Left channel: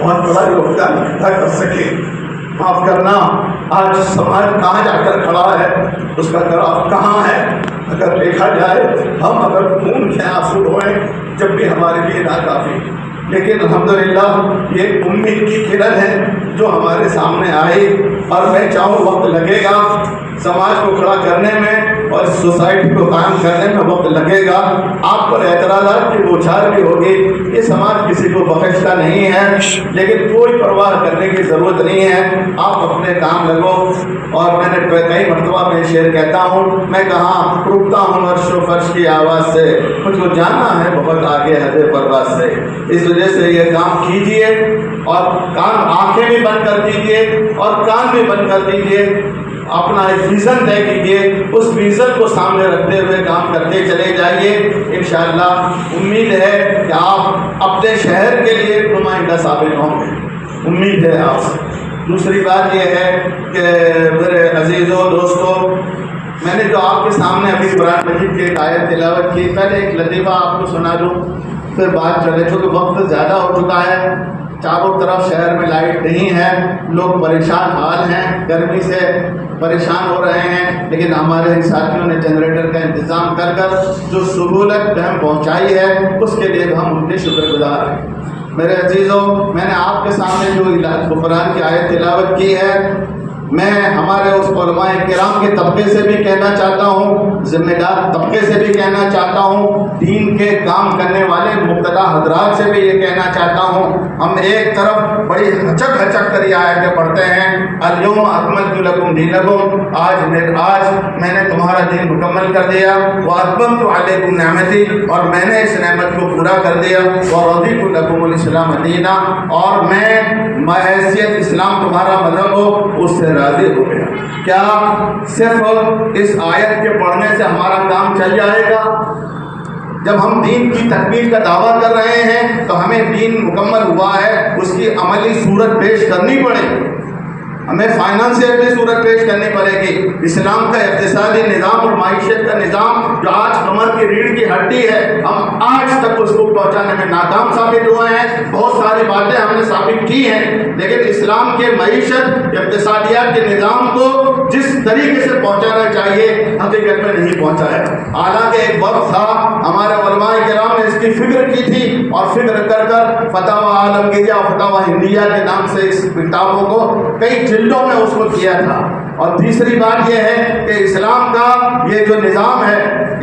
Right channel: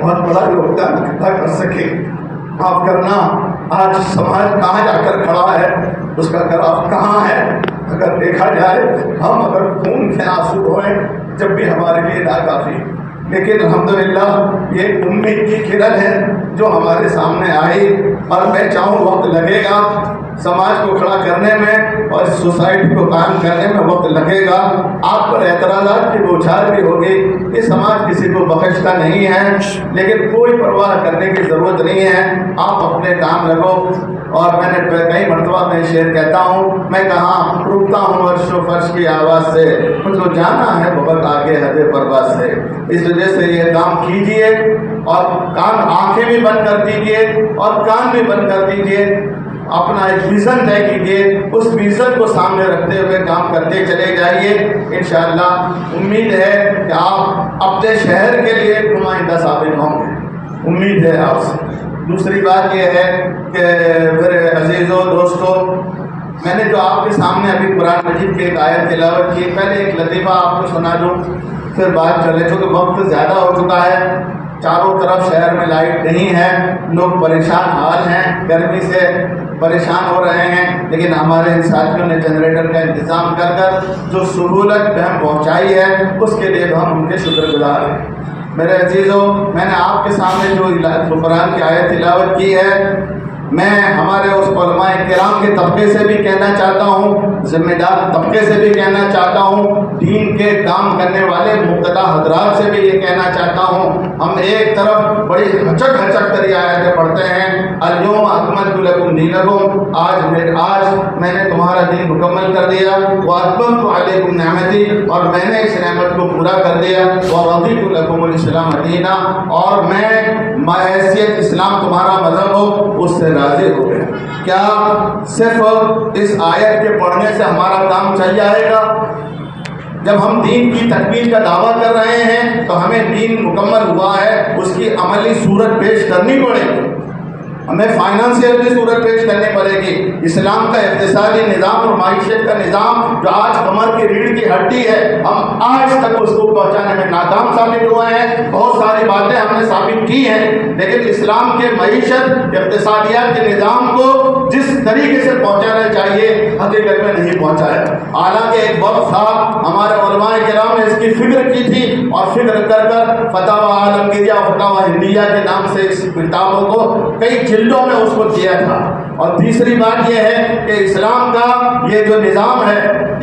بہت بڑا یوگدان ادا کر سکے. معاف کرنا، آج سماج کہاں جا کر کھڑا ہے، اس کا گراف کہاں ہے اگر دیکھا جائے. ہم اگر خون کے آنسو ہوئے جب بھی ہمارے لیے ناکافی، لیکن الحمدللہ یہ امید کی کرن ہے جو ہمارے سامنے آئی. اور میں چاہوں وقت لگے گا سماج کو کھڑا کرنے میں اور سوسائٹی کو قائم کرنے میں وقت لگے گا. آپ پر اعتراضات کی بوچھار بھی ہوگی. یہ سماج کسی کو بخشتا نہیں ہے، لیکن کوئی پرواہ کرنے کی ضرورت نہیں ہے. آپ اپنے کام لگو. اور میں نے کئی مرتبہ میں شعر کہتا ہوں، میں کہاں رکتا ہوں عرش و فرش کی آواز سے، مجھ کو جانا ہے بہت آگے حد پرواز سے. اس وجہ سے یہ کام کیجئے اور آنکھیں بھی بند کر دیجئے اور کان بھی بند کر دیجئے. اپنا ایک ویژن طے کیجیے، اس ویژن کو سامنے رکھتے ہوئے کام کرتے چلے جائیے. انشاءاللہ امید ہے کہ آپ اپنے شہر کے لیے نمائندہ ثابت ہوں گے. امید ہے آپ سے. دوسری بات یہ ہے کہ میرے عزیزوں دوستوں، میں نے جو آپ کے سامنے ابھی قرآن مجید کی ایک آیت تلاوت کی، پہلے ایک لطیفہ آپ کو سنا دوں پھر بات چلے. چونکہ وقت زیادہ ہو چکا ہے، چاروں طرف شہر میں لائٹ نہیں ہے، لوگ پریشان حال ہیں، گرمی سے پریشان ہو رہے ہیں. لیکن ہمارے ساتھیوں نے جنریٹر کا انتظام کر کر جو سہولت ہم پہنچائی ہے اس کے لیے ہم ان کے شکر گزار ہیں. میرے عزیزوں، میں نے آپ کے سامنے جو قرآن کی آیت تلاوت کی ہے، میں ہمارے اس علماء کرام کے طبقے سے بھی کہنا چاہتا ہوں، ذمہ دار طبقے سے بھی کہنا چاہتا ہوں، دین کے کام کرنے والے مقتدی حضرات سے بھی یہ کہنا چاہتا ہوں. ہم ایک طرف بڑی ہچک کر یہ آیتیں پڑھتے ہیں، الیوم اکملت لکم دینکم، آج میں نے تمہارا دین مکمل کر دیا، واتممت علیکم نعمتی، اور میں نے اس نعمت کو پورا کر دیا، ورضیت لکم الاسلام دینا، اور میں حیثیت اسلام تمہارا مذہب ہو اس سے راضی ہو گیا. کیا صرف اس آیت کے پڑھنے سے ہمارا کام چل جائے گا؟ جب ہم دین کی تکمیل کا دعویٰ کر رہے ہیں تو ہمیں دین مکمل ہوا ہے اس کی عملی صورت پیش کرنی پڑے گی. ہمیں فائنانشیل بھی صورت پیش کرنی پڑے گی. اسلام کا اقتصادی نظام اور معیشت کا نظام جو آج کمر کی ریڑھ کی ہڈی ہے، ہم آج تک اس کو پہنچانے میں ناکام ثابت ہوئے ہیں. بہت ساری باتیں ہم نے ثابت کی ہیں، لیکن اسلام کے معیشت اقتصادیات کے نظام کو جس طریقے سے پہنچانا چاہیے حقیقت میں نہیں پہنچایا. حالانکہ ایک وقت تھا ہمارے علماء کرام نے اس کی فکر کی تھی، اور فکر کر فتاوی عالمگیرہ اور فتاوی ہندیہ کے نام سے اس کتابوں کو کئی جلدوں میں اس کو کیا تھا. اور تیسری بات یہ ہے کہ اسلام کا یہ جو نظام ہے،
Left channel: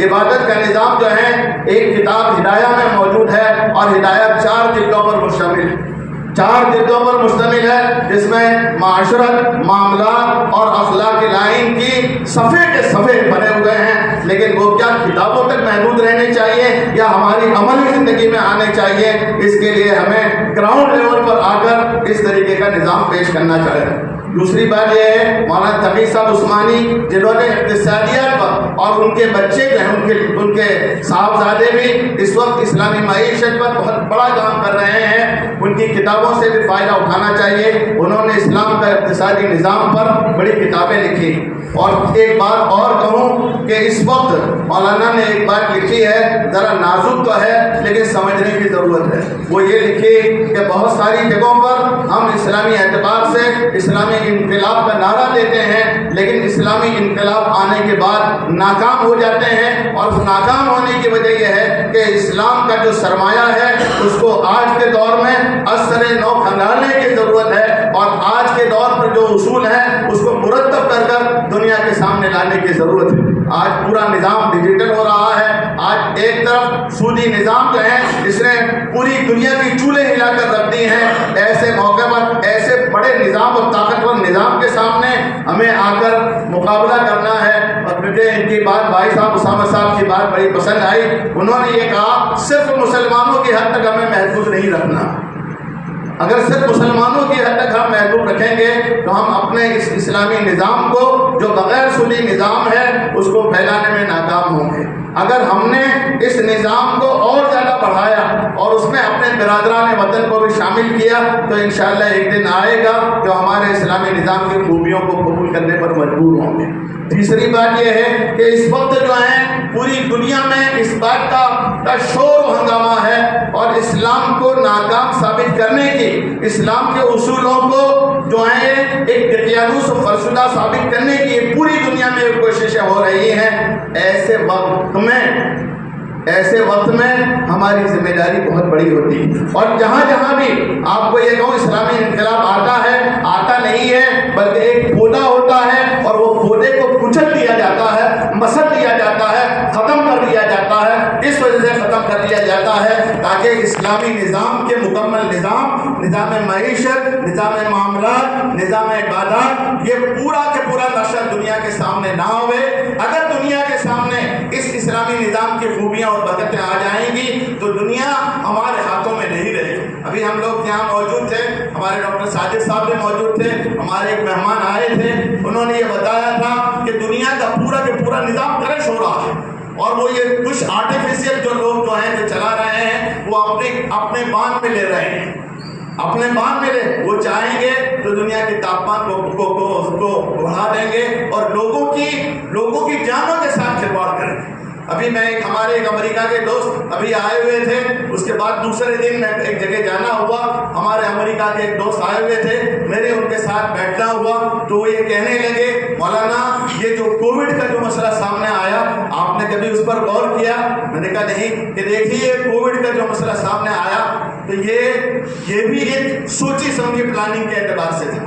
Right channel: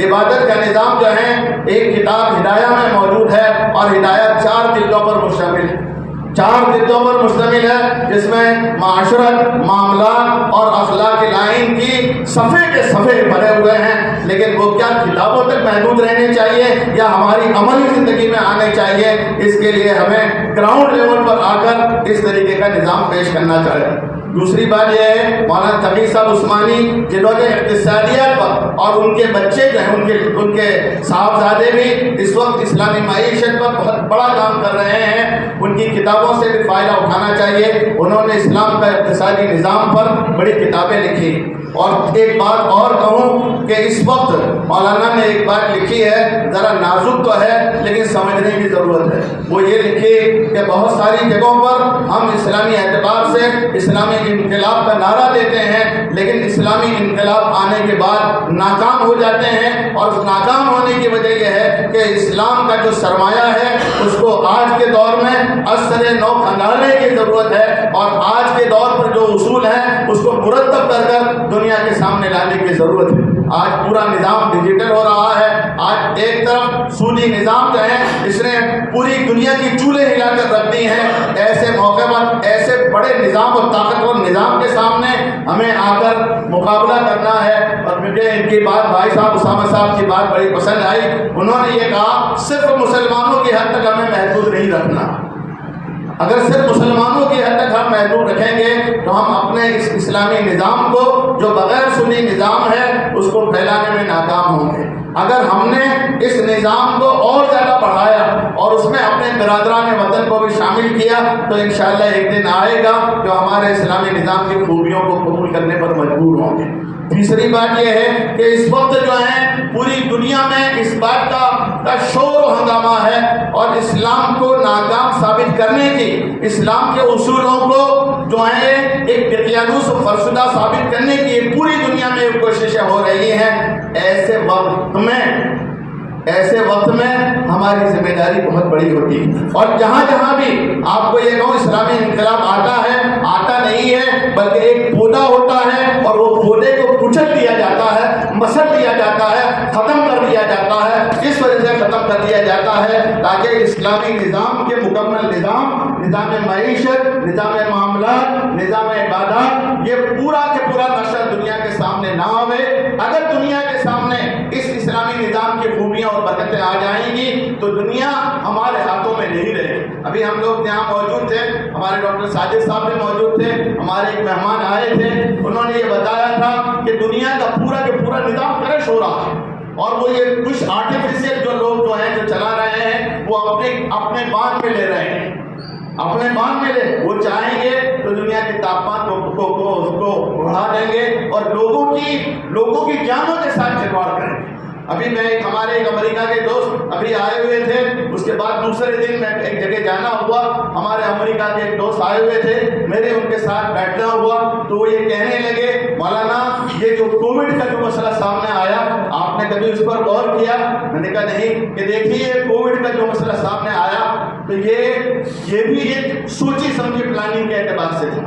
عبادت کا نظام جو ہے، ایک کتاب ہدایہ میں موجود ہے، اور ہدایہ 4 جلدوں پر مشتمل ہے. 4 جلدوں پر مشتمل ہے، جس میں معاشرت، معاملات اور اخلاق لائن کی صفحے کے صفحے بنے ہوئے ہیں. لیکن وہ کیا کتابوں تک محدود رہنے چاہیے یا ہماری عملی زندگی میں آنے چاہیے؟ اس کے لیے ہمیں گراؤنڈ لیول پر آ کر اس طریقے کا نظام پیش کرنا چاہیے. دوسری بات یہ ہے، مولانا تقی صاحب عثمانی جنہوں نے اقتصادیات پر، اور ان کے بچے جو ہیں ان کے صاحبزادے بھی اس وقت اسلامی معیشت پر بہت بڑا کام کر رہے ہیں، ان کی کتابوں سے بھی فائدہ اٹھانا چاہیے. انہوں نے اسلام کا اقتصادی نظام پر بڑی کتابیں لکھی. اور ایک بات اور کہوں کہ اس وقت مولانا نے ایک بات لکھی ہے، ذرا نازک تو ہے لیکن سمجھنے کی ضرورت ہے. وہ یہ لکھی کہ بہت ساری جگہوں پر ہم اسلامی اعتبار سے اسلامی انقلاب کا نعرہ دیتے ہیں، لیکن اسلامی انقلاب آنے کے بعد ناکام ہو جاتے ہیں. اور اس ناکام ہونے کی وجہ یہ ہے کہ اسلام کا جو سرمایہ ہے اس کو آج کے دور میں اثر نو کھنگالنے کی ضرورت ہے، اور آج کے دور پر جو اصول ہیں اس کو مرتب کر دنیا کے سامنے لانے کی ضرورت ہے. آج پورا نظام ڈیجیٹل ہو رہا ہے. آج ایک طرف سودی نظام جو ہے اس نے پوری دنیا کی چولہے ہلا کر رکھ دی ہیں. ایسے موقع پر ایسے بڑے نظام اور طاقتور نظام کے سامنے ہمیں آ کر مقابلہ کرنا ہے. اور مجھے ان کی بات بھائی صاحب اسامہ صاحب کی بات بڑی پسند آئی. انہوں نے یہ کہا صرف مسلمانوں کی حد تک ہمیں محدود نہیں رکھنا. اگر صرف مسلمانوں کی حد تک ہم محدود رکھیں گے تو ہم اپنے اس اسلامی نظام کو جو بغیر سنی نظام ہے اس کو پھیلانے میں ناکام ہوں گے. اگر ہم نے اس نظام کو اور زیادہ بڑھایا اور اس میں اپنے برادران وطن کو بھی شامل کیا تو انشاءاللہ ایک دن آئے گا جو ہمارے اسلامی نظام کی خوبیوں کو قبول قبول کرنے پر مجبور ہوں گے۔ تیسری بات یہ ہے کہ اس وقت جو ہے پوری دنیا میں اس بات کا شور و ہنگامہ ہے اور اسلام کو ناکام ثابت کرنے کی، اسلام کے اصولوں کو جو ہے ایک دقیانوس و فرسودہ ثابت کرنے کی پوری دنیا میں کوششیں ہو رہی ہیں۔ ایسے وقت میں ہماری ذمہ داری بہت بڑی ہوتی ہے، اور جہاں جہاں بھی آپ کو یہ کہوں اسلامی انقلاب آتا نہیں ہے، بلکہ ایک پودا ہوتا ہے اور وہ پودے کو کچل دیا جاتا ہے، مسل دیا جاتا ہے، ختم کر دیا جاتا ہے۔ اس وجہ سے ختم کر دیا جاتا ہے تاکہ اسلامی نظام کے مکمل نظام معیشت، نظام معاملات، نظام عبادات، یہ پورا کے پورا نقشہ دنیا کے سامنے نہ ہوئے۔ اگر دنیا کے سامنے اس اسلامی نظام کی خوبیاں اور برکتیں آ جائیں گی تو دنیا ہمارے ہاتھوں میں نہیں رہے۔ ابھی ہم لوگ یہاں موجود تھے، ہمارے ڈاکٹر ساجد صاحب بھی موجود تھے، ہمارے ایک مہمان آئے تھے، انہوں نے یہ بتایا تھا کہ دنیا کا پورا کے پورا نظام کرش ہو رہا ہے، اور وہ یہ کچھ آرٹیفیشیل جو لوگ جو ہیں جو چلا رہے ہیں وہ اپنے باندھ میں لے رہے ہیں، اپنے باندھ میں وہ چاہیں گے تو دنیا کے تاپمان کو بڑھا دیں گے اور لوگوں کی جانوں کے ساتھ کھلواڑ کریں گے۔ ابھی ہمارے ایک امریکہ کے دوست ابھی آئے ہوئے تھے، اس کے بعد دوسرے دن میں ایک جگہ جانا ہوا، ہمارے امریکہ کے ایک دوست آئے ہوئے تھے، میرے ان کے ساتھ بیٹھنا ہوا تو وہ یہ کہنے لگے مولانا یہ جو کووڈ کا جو مسئلہ سامنے آیا آپ نے کبھی اس پر غور کیا؟ میں نے کہا نہیں، کہ دیکھیے کووڈ کا جو مسئلہ سامنے آیا تو یہ بھی ایک سوچی سمجھی پلاننگ کے اعتبار سے تھا،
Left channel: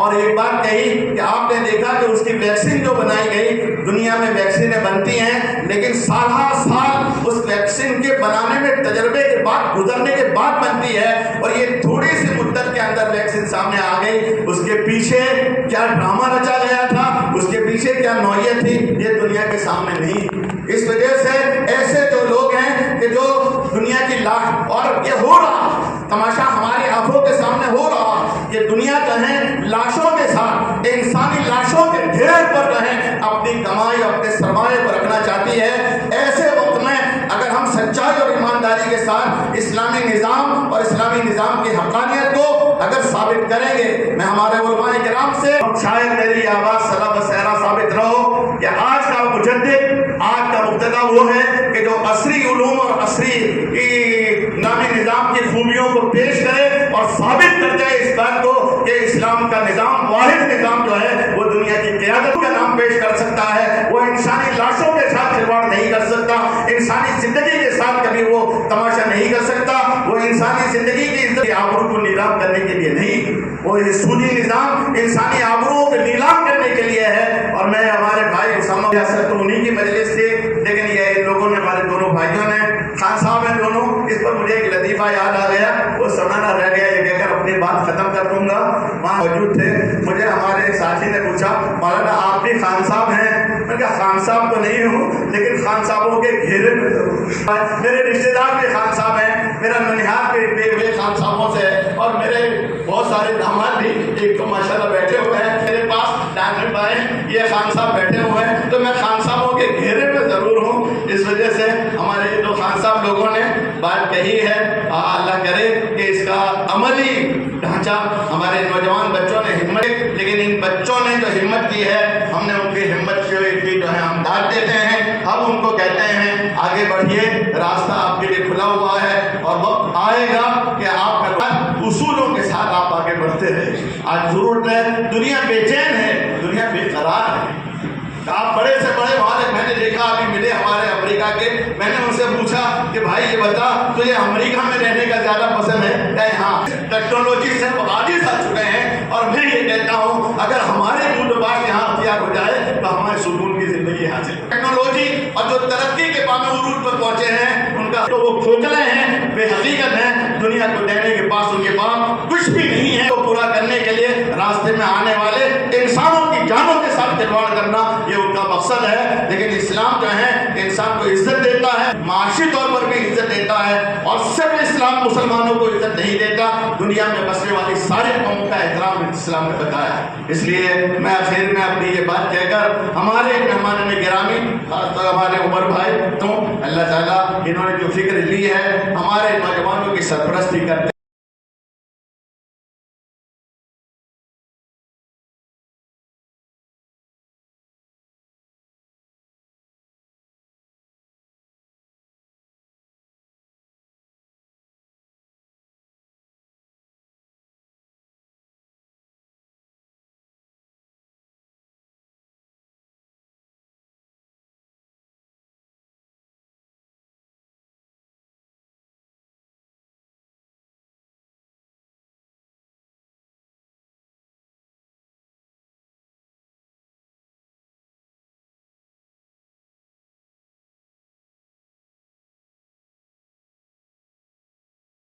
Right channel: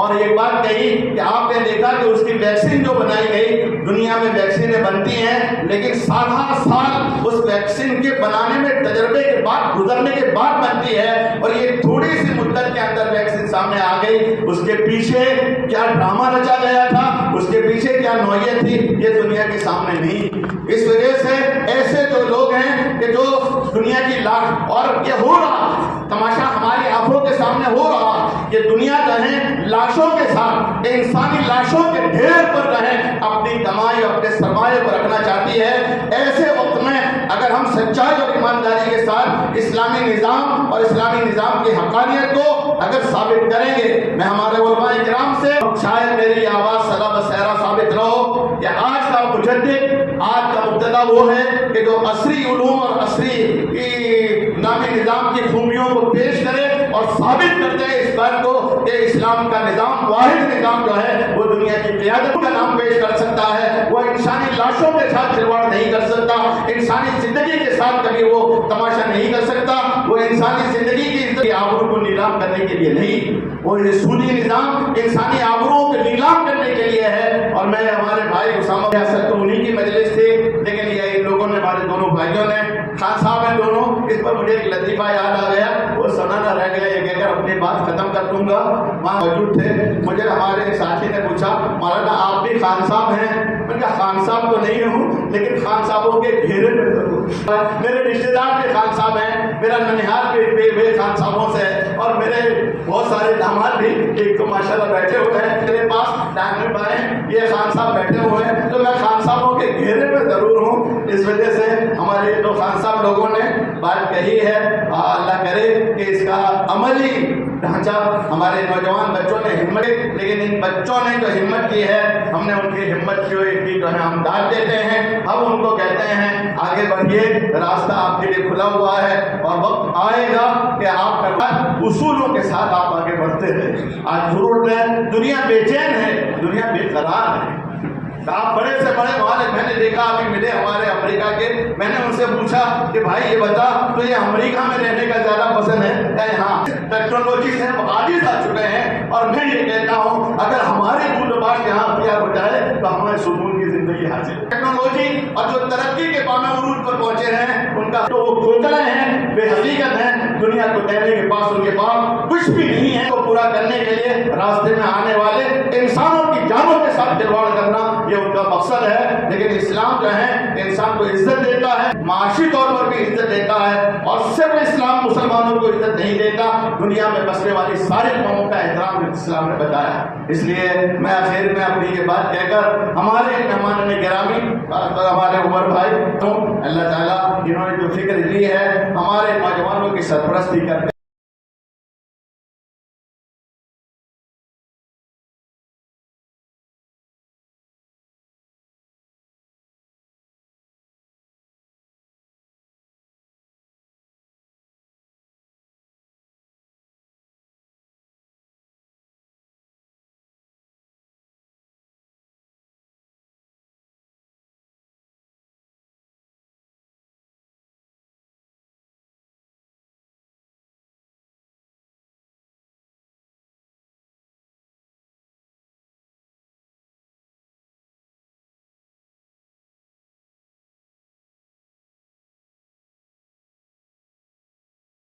اور ایک بات کہی کہ آپ نے دیکھا کہ اس کی ویکسین جو بنائی گئی، دنیا میں ویکسینیں بنتی ہیں لیکن سالہ سال اس ویکسین کے بنانے میں تجربے کے بعد گزرنے کے بعد بنتی ہے، اور یہ تھوڑی سی مدت کے اندر ویکسین سامنے آ گئی۔ اس کے پیچھے کیا ڈرامہ رچا گیا تھا، اس کے پیچھے کیا نوعیت تھی، یہ دنیا کے سامنے نہیں۔ اس وجہ سے ایسے جو لوگ ہیں کہ جو دنیا کی اور یہ ہو رہا تماشا ہماری آنکھوں کے سامنے ہو رہا کہ دنیا جو ہے لاشوں کے ساتھ، انسانی لاشوں کے ڈھیر پر جو ہے اپنی کمائی اپنے سرمایے پر رکھنا چاہتی ہے۔ ایسے وقت میں اگر ہم سچائی اور ایمانداری کے ساتھ اسلامی نظام اور اسلامی نظام کی حقانیت کو اگر ثابت کریں گے، میں ہمارے علماء کرام سے شاید میری آواز سلام سہرا ثابت رہو کہ آج کا مجدد، آج کا مبتدا وہ ہے کہ جو عصری علوم اور عصری اسلامی نظام کی خوبیوں کو پیش کرے اور ثابت کر جائے اس بات کو کہ اسلام کا نظام واحد نظام جو ہے وہ دنیا کی قیادت کا نام پیش کر سکتا ہے، وہ انسانی لاشوں کے ساتھ کھلواڑ نہیں کر سکتا، انسانی زندگی کے ساتھ کبھی وہ تماشا نہیں کر سکتا، وہ انسانی زندگی کی عزت کے آبرو کو نیلام کرنے کے لیے نہیں، وہ یہ سودی نظام انسانی آبرو کو نیلام کرنے کے لیے ہے۔ اور میں ہمارے بھائی اسامہ ریاست تو انہی کی مجلس تھی، لیکن یہ ان لوگوں نے، ہمارے دونوں بھائیوں نے، خان صاحب ہیں دونوں، اس پر مجھے ایک لطیفہ یاد آ گیا، وہ سنانا رہ گیا، یہ کہہ کر اپنی بات ختم کر دوں گا۔ وہاں موجود تھے، مجھے ہمارے ایک ساتھی نے پوچھا مولانا آپ بھی خان صاحب ہیں؟ میں نے کہا خان صاحب تو نہیں ہوں لیکن خان صاحبوں کے گھیرے میں ضرور، میرے رشتے دار بھی خان صاحب ہیں، میرا ننہال بھی خان صاحبوں سے ہے، اور میرے بہت سارے داماد بھی ایک تو ماشاءاللہ بیٹھے ہوئے ہیں میرے پاس، ڈائمنڈ بھائی یہ خان صاحب بیٹھے ہوئے ہیں، تو میں خان صاحبوں کے گھیرے میں ضرور ہوں۔ اس وجہ سے ہمارے جو خان صاحب لوگوں نے بات کہی ہے، اللہ کرے کہ اس کا عملی ڈھانچہ ہمارے نوجوان بچوں نے ہمت، لیکن ان بچوں نے جو ہمت کی ہے، ہم نے ان کی ہمت کی جو ہے ہم داد دیتے ہیں، ہم ان کو کہتے ہیں آگے بڑھیے، راستہ آپ کے لیے کھلا ہوا ہے، اور وقت آئے گا کہ آپ کا اصولوں کے ساتھ آپ آگے بڑھتے رہے۔ آج ضرورت ہے، دنیا بے چین ہے، دنیا بے قرار ہے، آپ بڑے سے بڑے میں نے دیکھا ابھی ملے ہمارے امریکہ کے، میں نے ان سے پوچھا کہ بھائی یہ بتا تو یہ امریکہ میں رہنے کا زیادہ پسند ہے؟ ہاں، ٹیکنالوجی سے عاجز آ چکے ہیں، اور میں یہ کہتا ہوں اگر ہمارے بردباش یہاں اختیار ہو جائے تو ہمیں سکون کی زندگی حاصل ہے۔ ٹیکنالوجی اور جو ترقی کے بام عروج پر پہنچے ہیں ان کا تو وہ کھوکھلے ہیں، بے حقیقت ہیں، دنیا کو دینے کے پاس ان کے پاس کچھ بھی نہیں ہے، تو پورا کرنے کے لیے راستے میں آنے والے انسانوں کی جانوں کے ساتھ کھلواڑ کرنا یہ ان کا مقصد ہے۔ لیکن اسلام جو ہے انسان کو عزت دیتا ہے، معاشی طور پر بھی عزت دیتا ہے، اور صرف اسلام مسلمانوں کو عزت نہیں دیتا، دنیا میں بسنے والی ساری قوموں کا احترام اسلام نے بتایا۔ اس لیے میں آخر میں اپنی یہ بات کہہ کر ہمارے مہمان گرامی ہمارے عمر بھائی تو اللہ تعالیٰ انہوں نے جو فکر لی ہے ہمارے نوجوانوں کی سرپرستی کرتے